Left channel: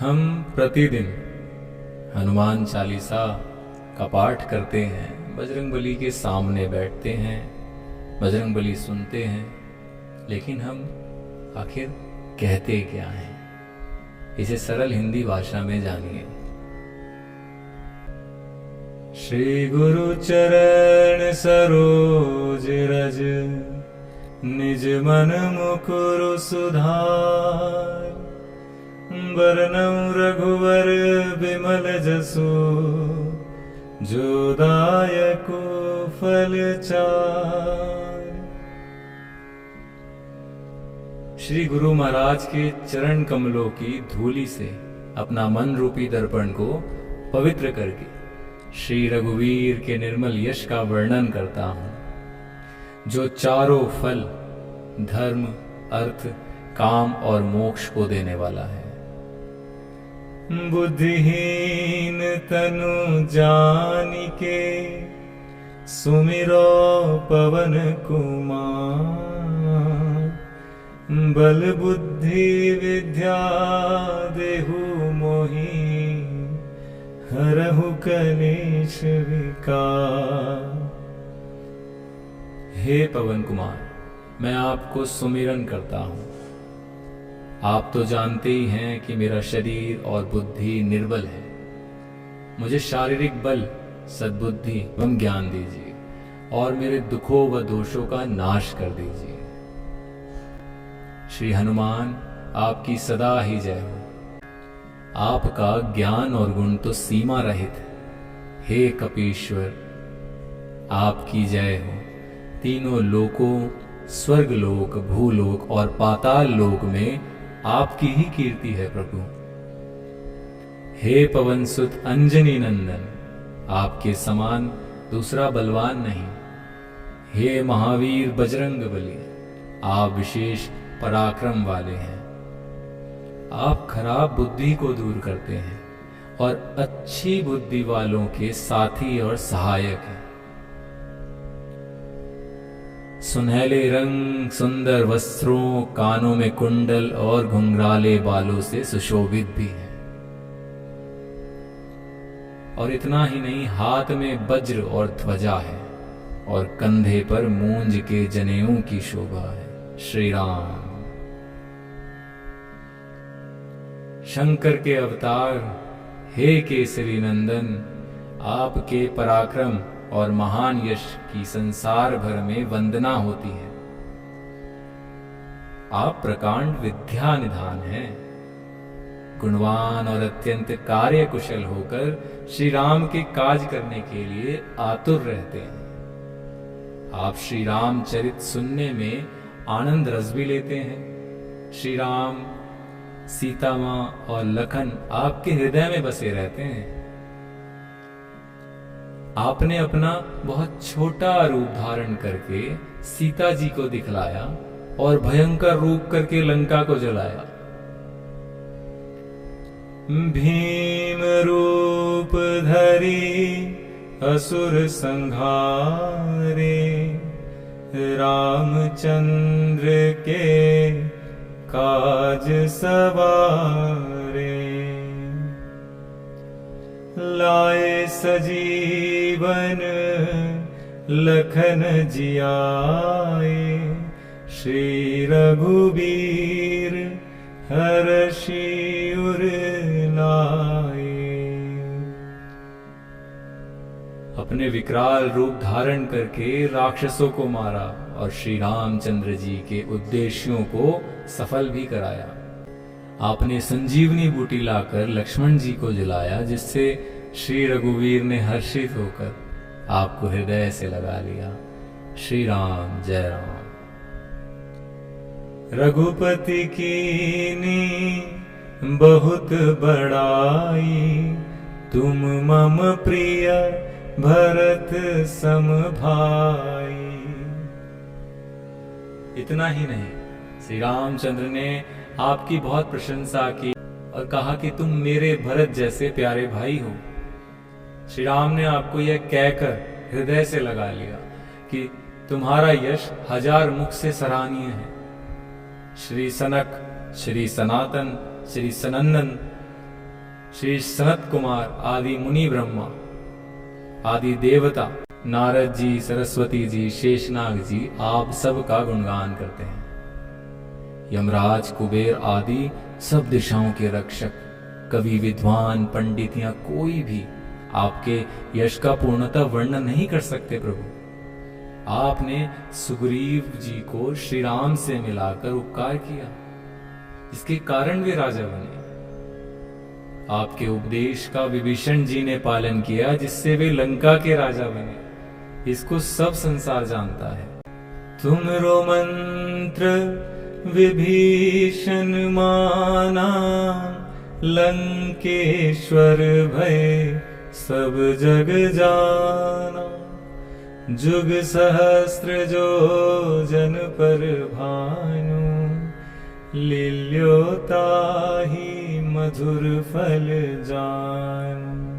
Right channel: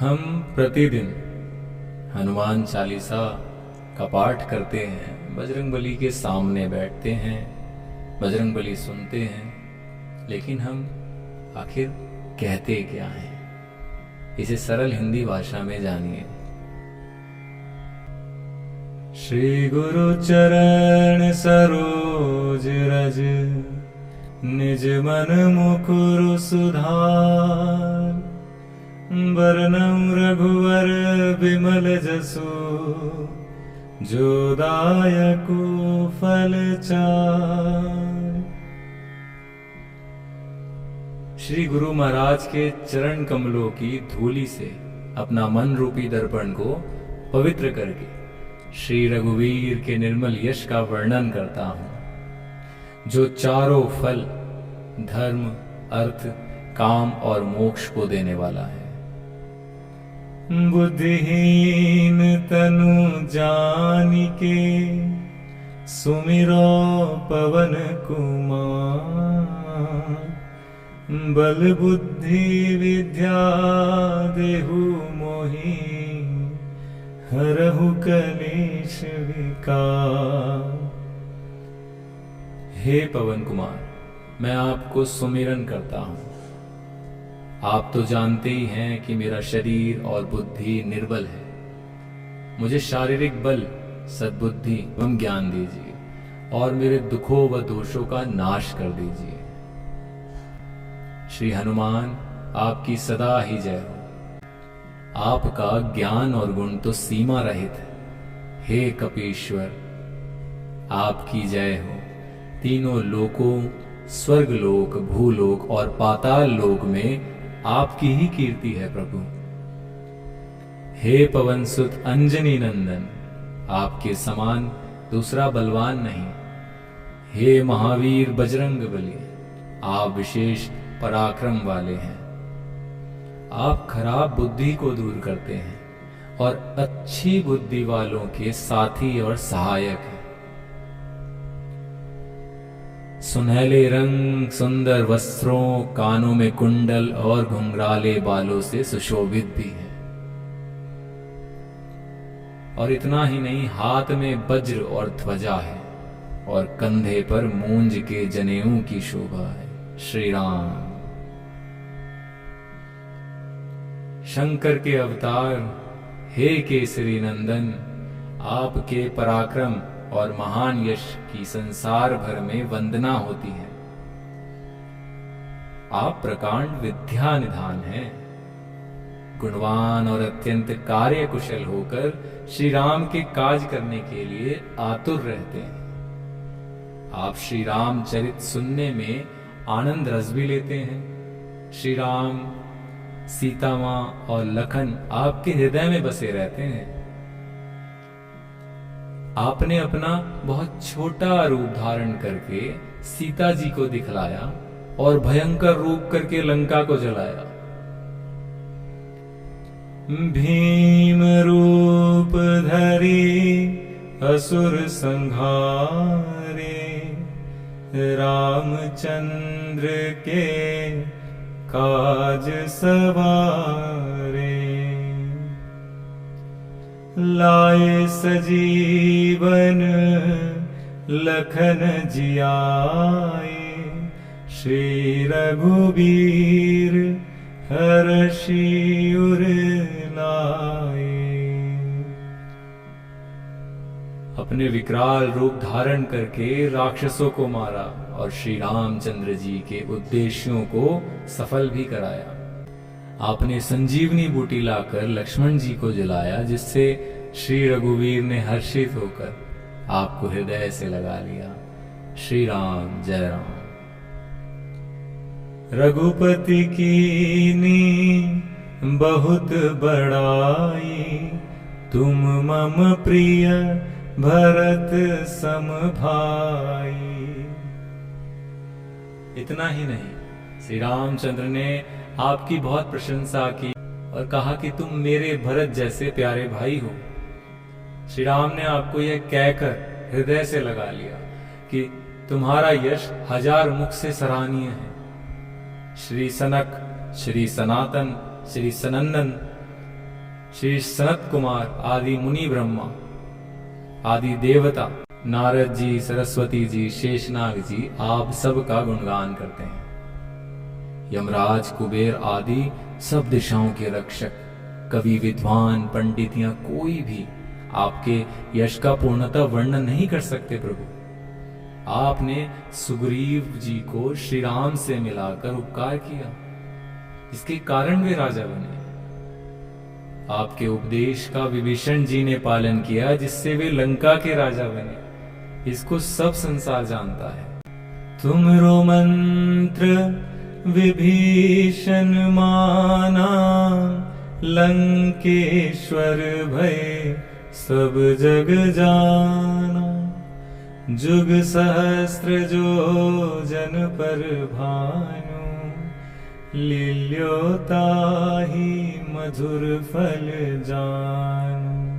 हम प्रतिदिन हनुमान चालीसा का पाठ करते हैं, बजरंगबली के सामने बैठते हैं, बजरंगबली सुनते हैं, लेकिन हम आखिर कहते क्या हैं? इसे सरल हिंदी भाषा में जानिए। श्री गुरु चरण सरोज रज, निज मन मुकुरु सुधार, बरनउँ रघुवर बिमल जसु, जो दायको फल चार। श्री गुरु महाराज के चरण कमलों की धूलि से अपना मन रूपी दर्पण को पवित्र करके श्री रघुवीर के निर्मल यश का वर्णन करता हूं, जो चारों फल धर्म, अर्थ, काम और मोक्ष को देने वाला है। बुद्धिहीन तनु जानिके, सुमिरो पवन कुमार, बल बुद्धि विद्या देहु मोहि, हरहु कलेश विकार। हे पवन कुमार, मैं आपको सुमिरन करता हूं। आप तो जानते ही हैं कि मेरा शरीर और बुद्धि निर्बल है। मुझे शारीरिक बल, सद्बुद्धि एवं ज्ञान दीजिए और मेरे दुखों व दोषों का नाश कर दीजिए। श्री हनुमान, आपकी सदा ही जय हो। आपका ज्ञान और गुण तो सीमा रहित है। हे कपीश्वर, आपकी जय हो। तीनों लोकों, स्वर्गलोक, भूलोक और पाताल लोक में आपकी ही कीर्ति है प्रभु। हे पवन सुत अंजनी नंदन, आपके समान दूसरा बलवान नहीं। हे महावीर बजरंगबली, आप विशेष पराक्रम वाले हैं। आप खराब बुद्धि को दूर करते हैं और अच्छी बुद्धि वालों के साथी और सहायक हैं। सुनहले रंग, सुंदर वस्त्रों, कानों में कुंडल और घुंघराले बालों से सुशोभित भी है। और इतना ही नहीं, हाथ में वज्र और ध्वजा है और कंधे पर मूंज के जनेऊ की शोभा है। श्री राम। शंकर के अवतार, हे केसरी नंदन, आपके पराक्रम और महान यश की संसार भर में वंदना होती है। आप प्रकांड विद्या निधान हैं। गुणवान और अत्यंत कार्य कुशल होकर श्री राम के काज करने के लिए आतुर रहते हैं। आप श्री राम चरित सुनने में आनंद रस भी लेते हैं। श्री राम, सीता मां और लखन आपके हृदय में बसे रहते हैं। आपने अपना बहुत छोटा रूप धारण करके सीता जी को दिखलाया और भयंकर रूप करके लंका को जलाया। भीम रूप धरी असुर संहारे, रामचंद्र के काज सवारे। लाए सजीवन लखन जियाए, श्री रघुबीर हर्षि उर लाए। अपने विकराल रूप धारण करके राक्षसों को मारा और श्री रामचंद्र जी के उद्देश्यों को सफल भी कराया। आपने संजीवनी बूटी लाकर लक्ष्मण जी को जलाया, जिससे श्री रघुवीर ने हर्षित होकर आपको हृदय से लगा लिया। श्री राम, जय राम। रघुपति कीनी बहुत बड़ाई, तुम मम प्रिय भरत सम भाई। इतना ही नहीं, श्री रामचंद्र ने आपकी बहुत प्रशंसा की और कहा कि तुम मेरे भरत जैसे प्यारे भाई हो। श्री राम ने आपको यह कहकर हृदय से लगा लिया कि तुम्हारा यश 1000 मुख से सराहनीय है। श्री सनक, श्री सनातन, श्री सनंदन श्री सनत कुमार आदि मुनि ब्रह्मा आदि देवता, नारद जी, सरस्वती जी, शेषनाग जी, आप सब का गुणगान करते हैं। यमराज, कुबेर आदि सब दिशाओं के रक्षक, कवि, विद्वान, पंडित या कोई भी आपके यश का पूर्णतः वर्णन नहीं कर सकते प्रभु। आपने सुग्रीव जी को श्री राम से मिलाकर उपकार किया, इसके कारण वे राजा बने। आपके उपदेश का विभीषण जी ने पालन किया, जिससे वे लंका के राजा बने। इसको सब संसार जानता है। तुमरो मंत्र विभीषण माना, लंकेश्वर भय सब जग जाना। जुग सहस्त्र जो जन पर भानु, लील्यो ताहि मधुर फल जानु।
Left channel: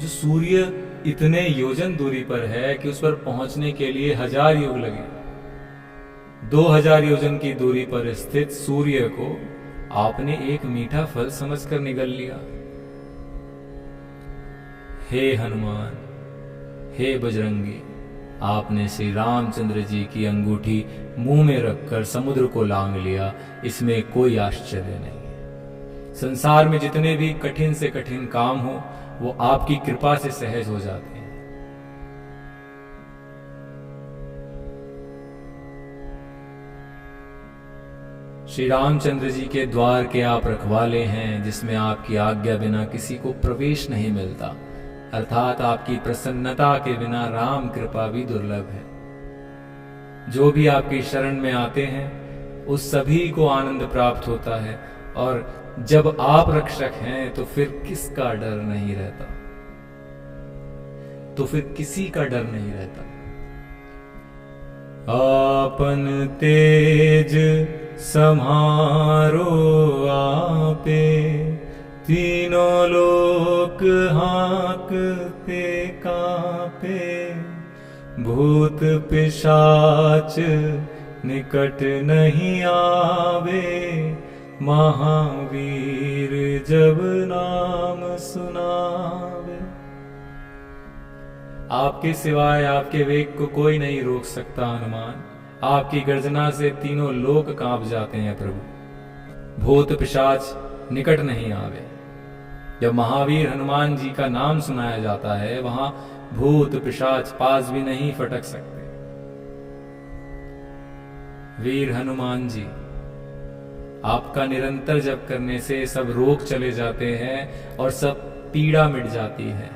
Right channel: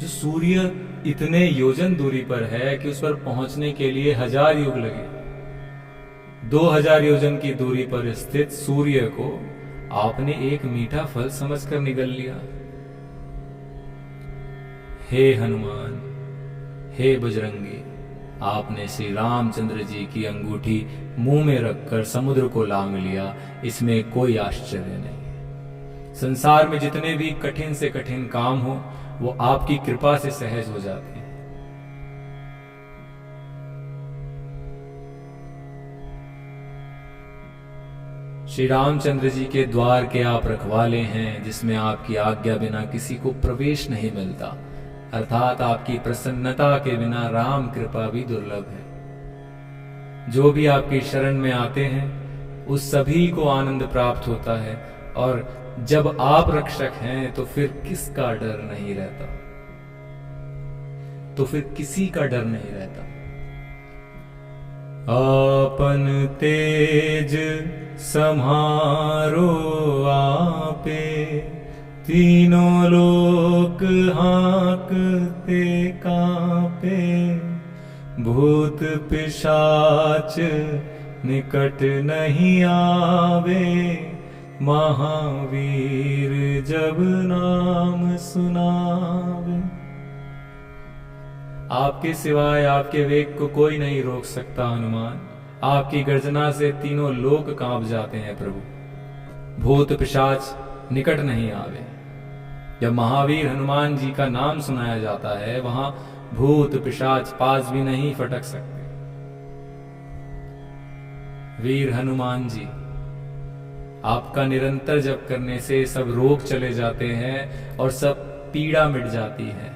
जो सूर्य इतने योजन दूरी पर है कि उस पर पहुंचने के लिए 1000 युग लगे, 2000 योजन की दूरी पर स्थित सूर्य को आपने एक मीठा फल समझकर निगल लिया। हे हनुमान, हे बजरंगी, आपने श्री रामचंद्र जी की अंगूठी मुंह में रखकर समुद्र को लांघ लिया, इसमें कोई आश्चर्य नहीं। संसार में जितने भी कठिन से कठिन काम हो, वो आपकी कृपा से सहज हो जाते हैं। श्री रामचंद्र जी के द्वार के आप रखवाले हैं, जिसमें आपकी आज्ञा बिना किसी को प्रवेश नहीं मिलता, अर्थात आपकी प्रसन्नता के बिना राम कृपा भी दुर्लभ है। जो भी आपकी शरण में आते हैं उस सभी को आनंद प्राप्त होता है, और जब आप रक्षक हैं तो फिर किसका डर नहीं रहता, तो फिर किसी का डर नहीं रहता। आपन तेज सम्हारो आपे, तीनों लोक हाँकते कांपे। भूत पिशाच निकट नहीं आवे, महावीर जब नाम सुनावे। आपके सिवाय आपके वेग को कोई नहीं रोक सकता हनुमान। आपकी गर्जना से तीनों लोक कांप जाते हैं प्रभु। भूत पिशाच निकट नहीं आवे। जब महावीर हनुमान जी का नाम सुनाया जाता है, वहां भूत पिशाच पास भी नहीं फटक सकते। वीर हनुमान जी, आपका निरंतर जप करने से सब रोग चले जाते हैं और सब पीड़ा मिट जाती है।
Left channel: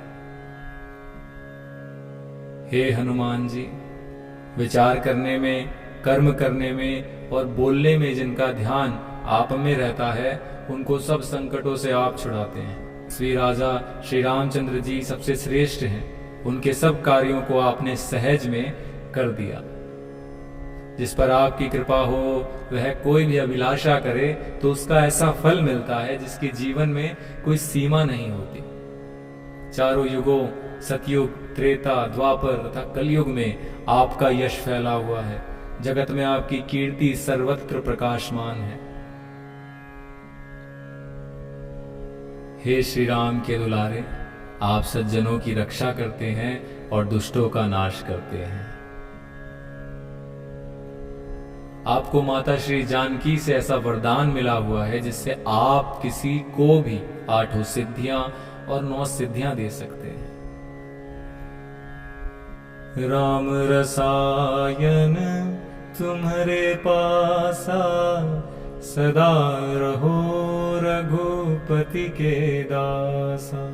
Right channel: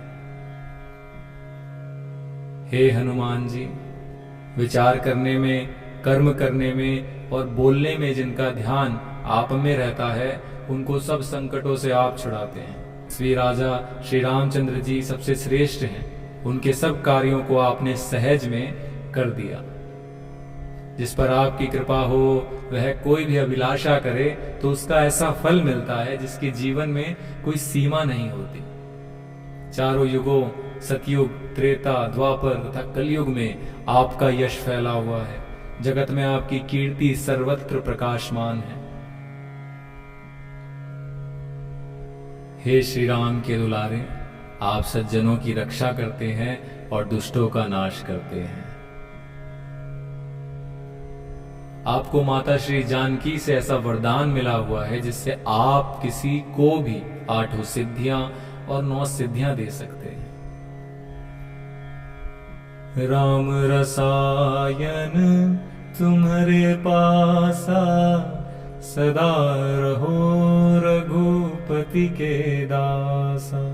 हे हनुमान जी, विचार करने में, कर्म करने में और बोलने में जिनका ध्यान आप में रहता है, उनको सब संकटों से आप छुड़ाते हैं। श्री राजा श्री रामचंद्र जी सबसे श्रेष्ठ हैं। उनके सब कार्यों को आपने सहज में कर दिया। जिस पर आपकी कृपा हो वह कोई भी अभिलाषा करे तो उसका ऐसा फल मिलता है जिसके जीवन में कोई सीमा नहीं होती। चारों युगों, सतयुग, त्रेता, द्वापर तथा कलयुग में आपका यश फैला हुआ है। जगत में आपकी कीर्ति सर्वत्र प्रकाशमान है। हे श्री राम के दुलारे, आप सज्जनों की रक्षा करते हैं और दुष्टों का नाश करते हैं। आपको माता श्री जानकी से ऐसा वरदान मिला हुआ है जिससे आप किसी को भी 8 सिद्धियां और 9 सिद्धियां दे सकते हैं। राम रसायन तुम्हारे पासा, सदा रहो रघुपति के दासा।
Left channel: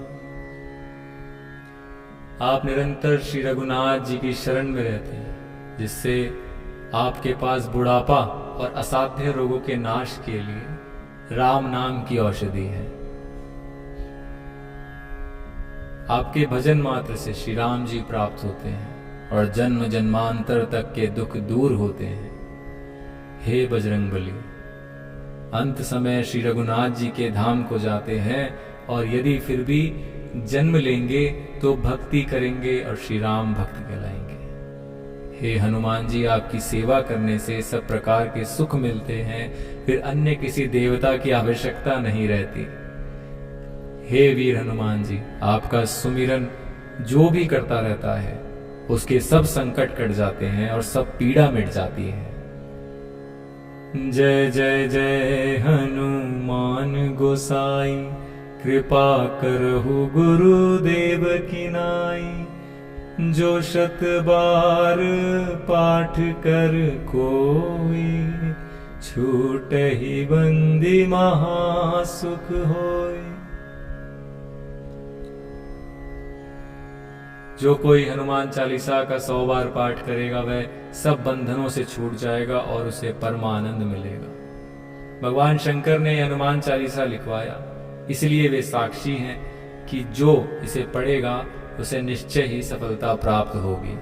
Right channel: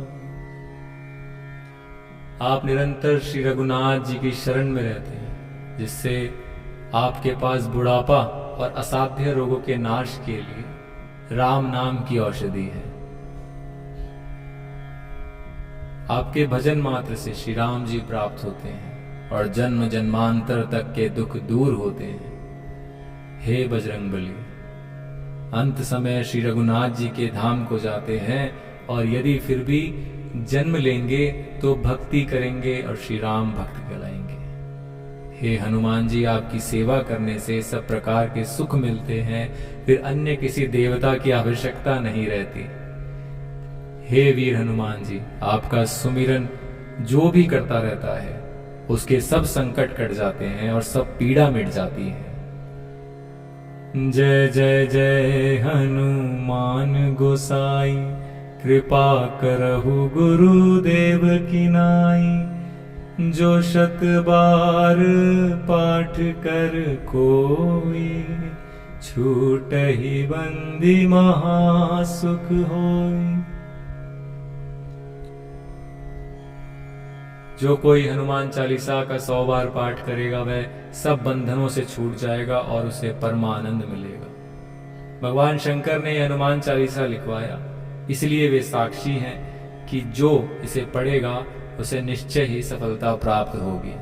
आप निरंतर श्री रघुनाथ जी की शरण में रहते हैं, जिससे आपके पास बुढ़ापा और असाध्य रोगों के नाश के लिए राम नाम की औषधि है। आपके भजन मात्र से श्री राम जी प्राप्त होते हैं और जन्म जन्मांतर तक के दुख दूर होते हैं। हे बजरंगबली, अंत समय श्री रघुनाथ जी के धाम को जाते हैं और यदि फिर भी जन्म लेंगे तो भक्ति करेंगे और श्री राम भक्त कहलाएंगे। हे हनुमान जी, आपकी सेवा करने से सब प्रकार के सुख मिलते हैं, फिर अन्य किसी देवता की आवश्यकता नहीं रहती। हे वीर हनुमान जी, आपका सुमिरन जो भी करता रहता है उसके सब संकट कट जाते हैं और सब पीड़ा मिट जाती है। जय जय जय हनुमान गोसाई, कृपा करहु गुरुदेव की नाई। जो शत बार पाठ कर कोई, छूटहि बंदी महासुख होई। जो कोई हनुमान चालीसा का 100 बार पाठ करेगा वह सब बंधनों से छूट जाएगा और उसे परमानंद मिलेगा। भगवान शंकर ने हनुमान चालीसा लिखवाया, इसलिए वे साक्षी हैं कि जो इसे पढ़ेगा उसे निश्चय ही सफलता प्राप्त होगी।